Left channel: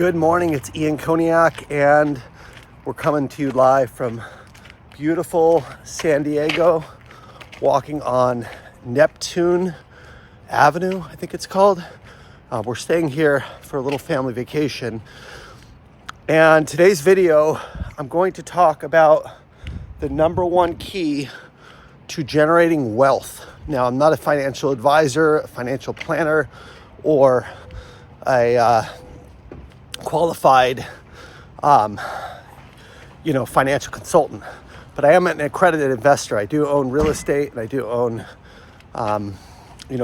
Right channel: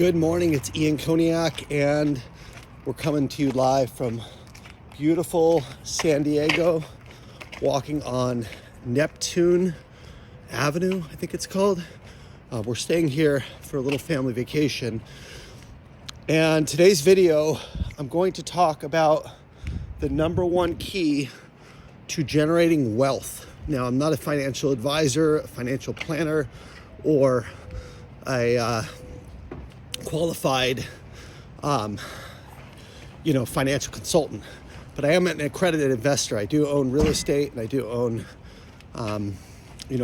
Good morning, it's Ian Koniak, and we're coming to you live from beautiful San Diego, walking on Neptune Avenue, I think it's called. We're staying here for a little family vacation. And today's video, I'm going to talk about the number one key to generating wealth. Now, I'm not a financial advisor, a financial planner, or a qualified, financial consultant, but I am an accredited investor. I do own real estate, and I do own,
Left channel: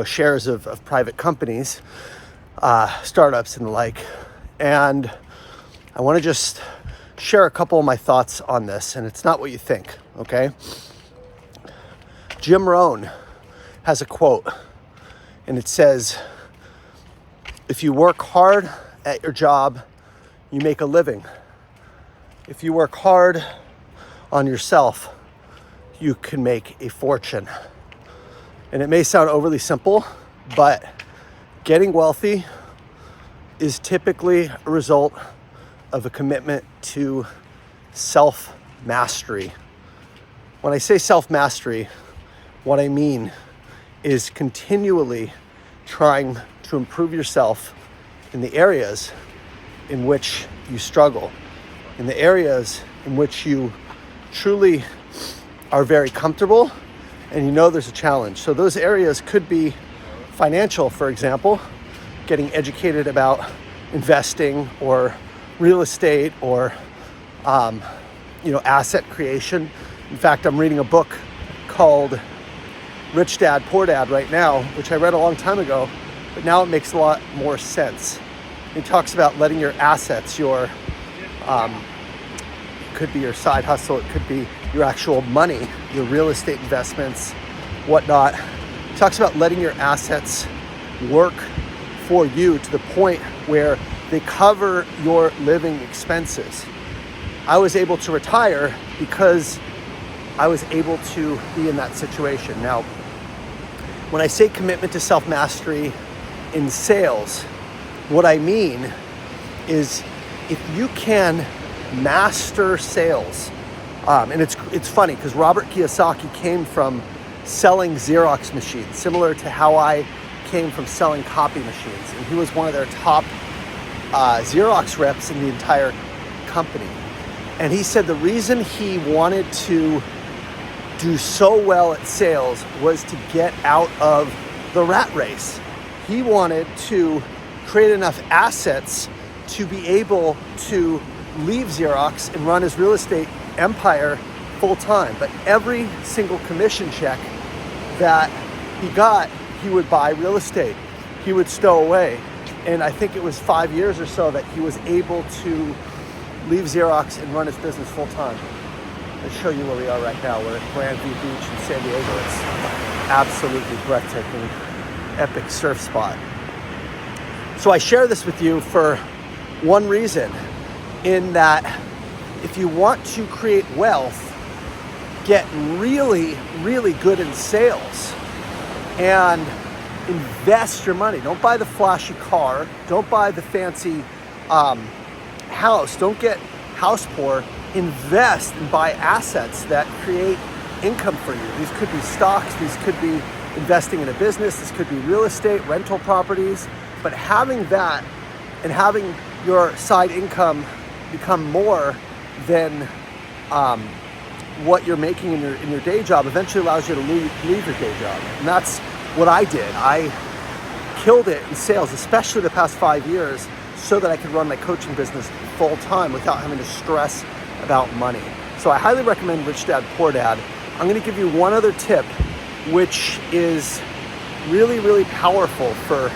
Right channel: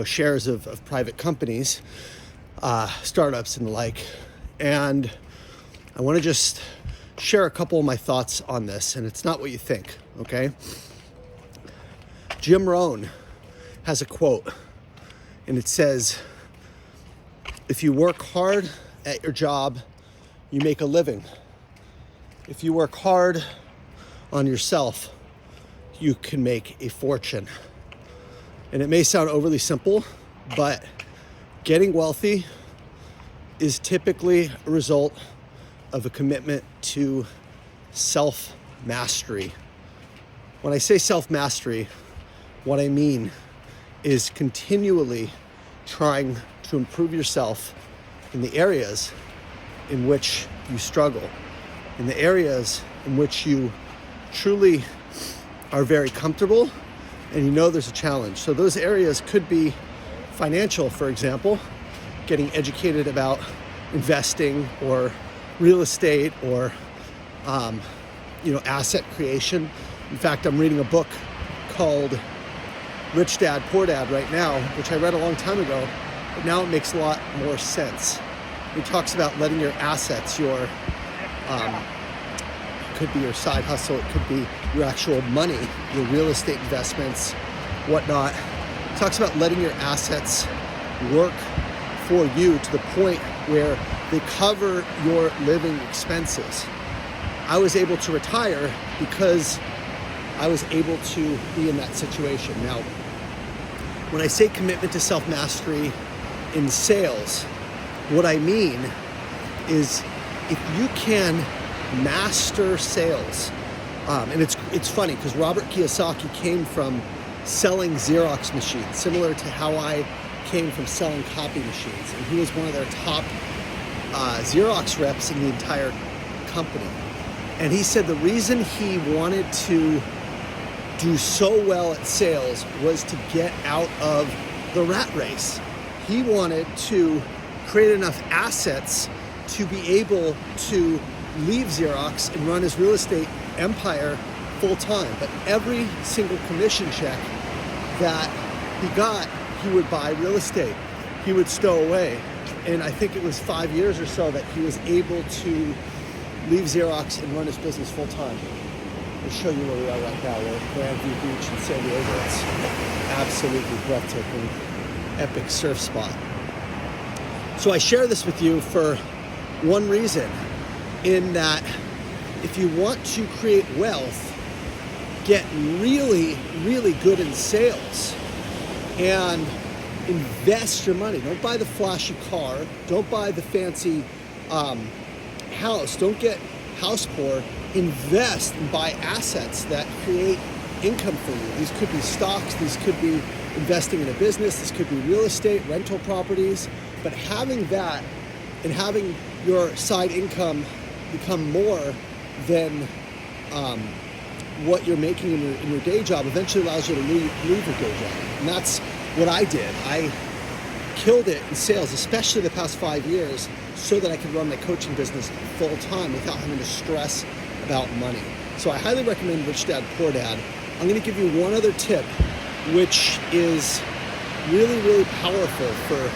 shares of private companies, startups and the like. And I want to just share a couple of my thoughts on this, and it's not what you think, okay? Jim Rohn has a quote, and it says, "If you work hard at your job, you make a living. If you work hard on yourself, you can make a fortune." And it may sound overly simple, but getting wealthy is typically a result of a commitment to self-mastery. When I say self-mastery, what I mean is continually trying to improve yourself in the areas in which you struggle, in the areas in which you truly are very comfortable and you know there's a challenge. So those areas could be financial, for example, getting educated about investing or real estate or asset creation. In fact, I'm reading a book called Rich Dad, Poor Dad right now, which I read a long time ago, but now it makes a lot more sense. He talks about letting your assets, your could be your side hustle, it could be your actual money, your real estate investments, whatnot. He talks about letting your assets work for you to the point where they cover your living expenses. I was able to retire because I was able to be in that situation. Now, when I say commitment to self-mastery in sales, what I mean is if you can master sales, and it's funny because Robert Kiyosaki came from selling Xerox machines, similar to how I came from selling copy machines, and he was one of their top Xerox reps in the entire company. And he said the reason he wanted to do so well at sales was to get out of the rat race. He wanted to create enough assets to be able to leave Xerox and run his real estate empire full time. But every single commission check that he got, he would buy real estate. He would stow away. And I think it was 5 years or so that he was able to leave Xerox and run his business full time. I'll show you where we are right now. We're at Grandview Beach in San Diego. It's absolutely breathtaking, epic surf spot. So I share this with you for one reason, in that if you want to create wealth, get really, really good in sales and invest your money. Don't buy the flashy car. Don't buy the fancy house. Don't get house poor. Invest and buy assets that create income for you. These could be stocks. These could be investing in a business. This could be real estate, rental properties. But having that and having your side income become more than what you're making in your day job eventually allows you to leave your day job. And that's what I did. I killed it in sales, especially the past 5 years, so that I could run my coaching business full time without having to stress about money. So I highly recommend Rich Dad, Poor Dad. I'm going to give you one other tip, which is really, really powerful for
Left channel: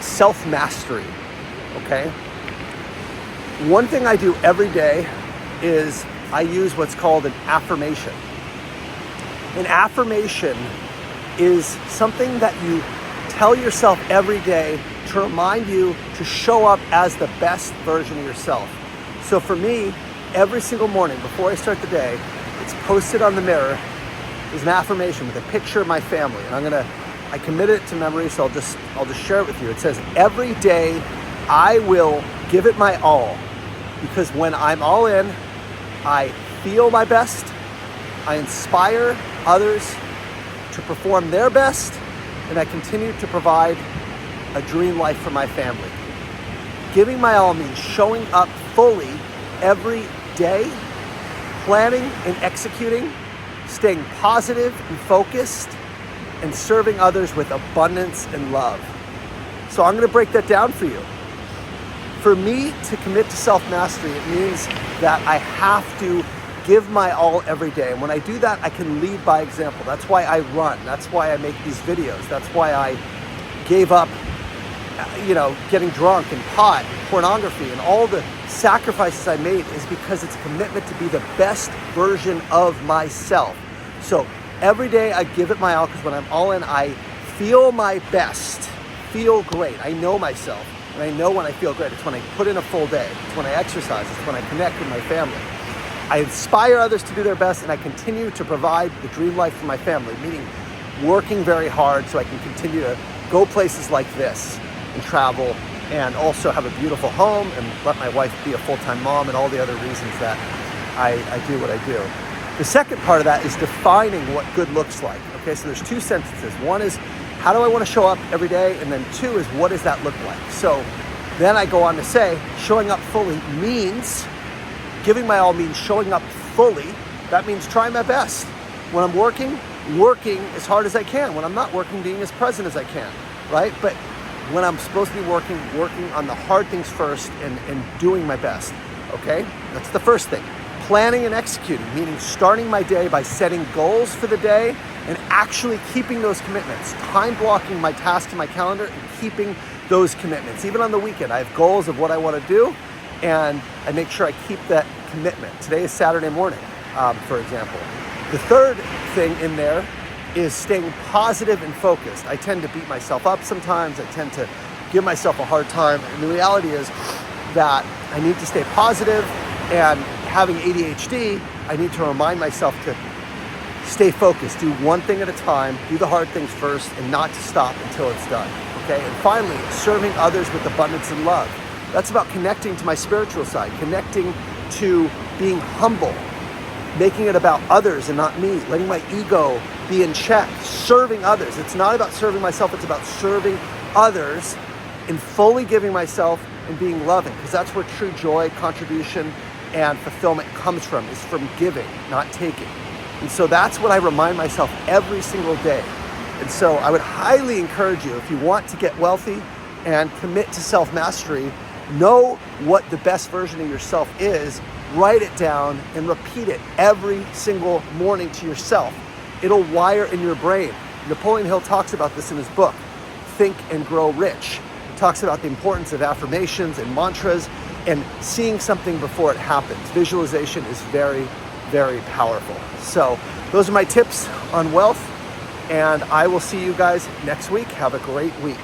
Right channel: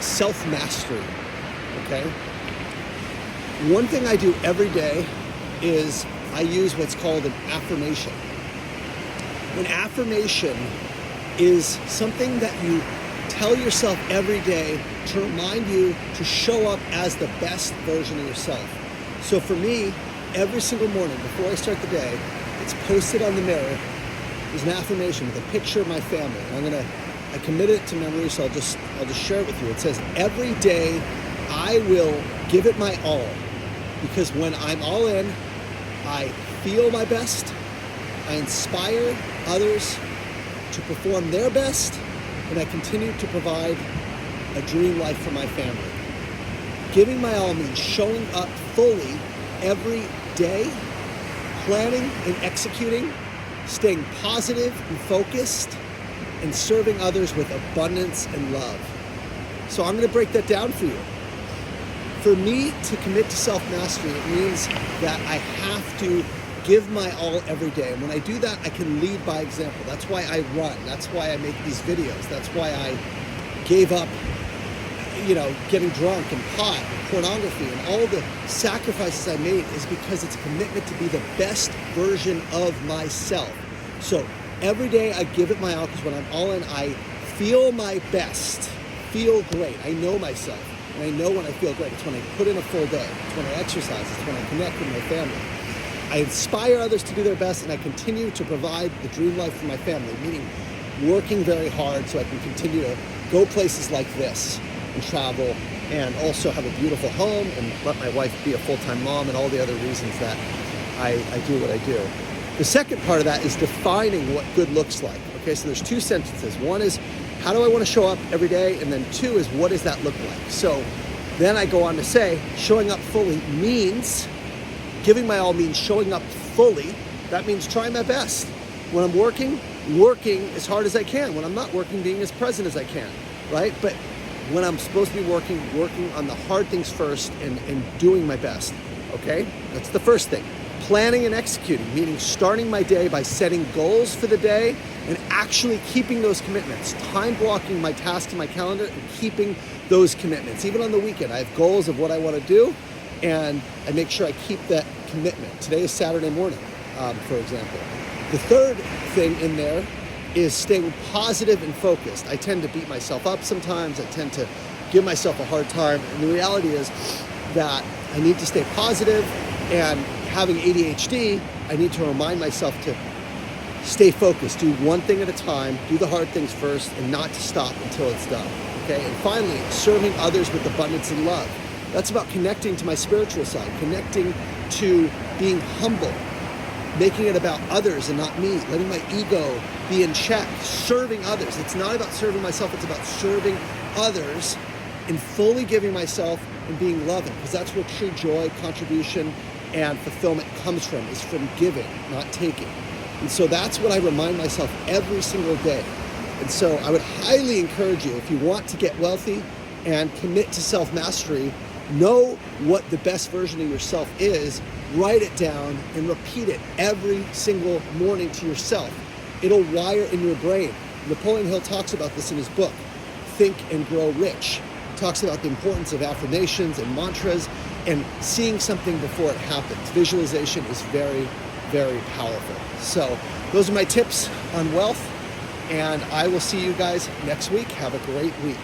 self-mastery, okay? One thing I do every day is I use what's called an affirmation. An affirmation is something that you tell yourself every day to remind you to show up as the best version of yourself. So for me, every single morning before I start the day, it's posted on the mirror. There's an affirmation with a picture of my family, and I committed it to memory, so I'll just share it with you. It says, every day I will give it my all, because when I'm all in, I feel my best, I inspire others to perform their best, and I continue to provide a dream life for my family. Giving my all means showing up fully every day, planning and executing, staying positive and focused, and serving others with abundance and love. So I'm going to break that down for you. For me to commit to self-mastery, it means that I have to give my all every day. And when I do that, I can lead by example. That's why I run. That's why I make these videos. That's why I gave up, getting drunk and pot, and pornography, and all the sacrifices I made is because it's a commitment to be the best version of myself. So every day I give it my all, because when I'm all in, I feel my best, feel great. I know myself, and I know when I feel great. It's when I put in a full day. It's when I exercise. It's when I connect with my family. I inspire others to do their best, and I continue to provide the dream life for my family, meaning working very hard so I can continue to go places like this and travel, and also have a beautiful home and let my wife be a full-time mom, and all the other reasons that I do what I do. The second part of that is defining what good looks like. Okay, so there's two sentences. One is, how do I want to show up every day? And then two is, what does that look like? So then I go on to say, showing up fully means, giving my all means showing up fully. That means trying my best. When I'm working as hard as I can. When I'm not working, being as present as I can, right? But when I'm supposed to be working on the hard things first and doing my best, okay? That's the first thing. Planning and executing, meaning starting my day by setting goals for the day and actually keeping those commitments, time blocking my tasks in my calendar and keeping those commitments. Even on the weekend, I have goals of what I want to do, and I make sure I keep that commitment. Today is Saturday morning, for example. The third thing in there is staying positive and focused. I tend to beat myself up sometimes. I tend to give myself a hard time. And the reality is that I need to stay positive, and having ADHD, I need to remind myself to stay focused, do one thing at a time, do the hard things first, and not to stop until it's done, okay? And finally, serving others with abundance and love. That's about connecting to my spiritual side, connecting to being humble, making it about others and not me, letting my ego be in check, serving others. It's not about serving myself, it's about serving others and fully giving myself and being loving, because that's where true joy, contribution, and fulfillment comes from, is from giving, not taking. And so that's what I remind myself every single day. And so I would highly encourage you, if you want to get wealthy and commit to self-mastery, know what the best version of yourself is, write it down and repeat it every single morning to yourself. It'll wire in your brain. Napoleon Hill talks about this in his book, Think and Grow Rich. He talks about the importance of affirmations and mantras and seeing something before it happens. Visualization is very, very powerful. So those are my tips on wealth, and I will see you guys next week. Have a great week.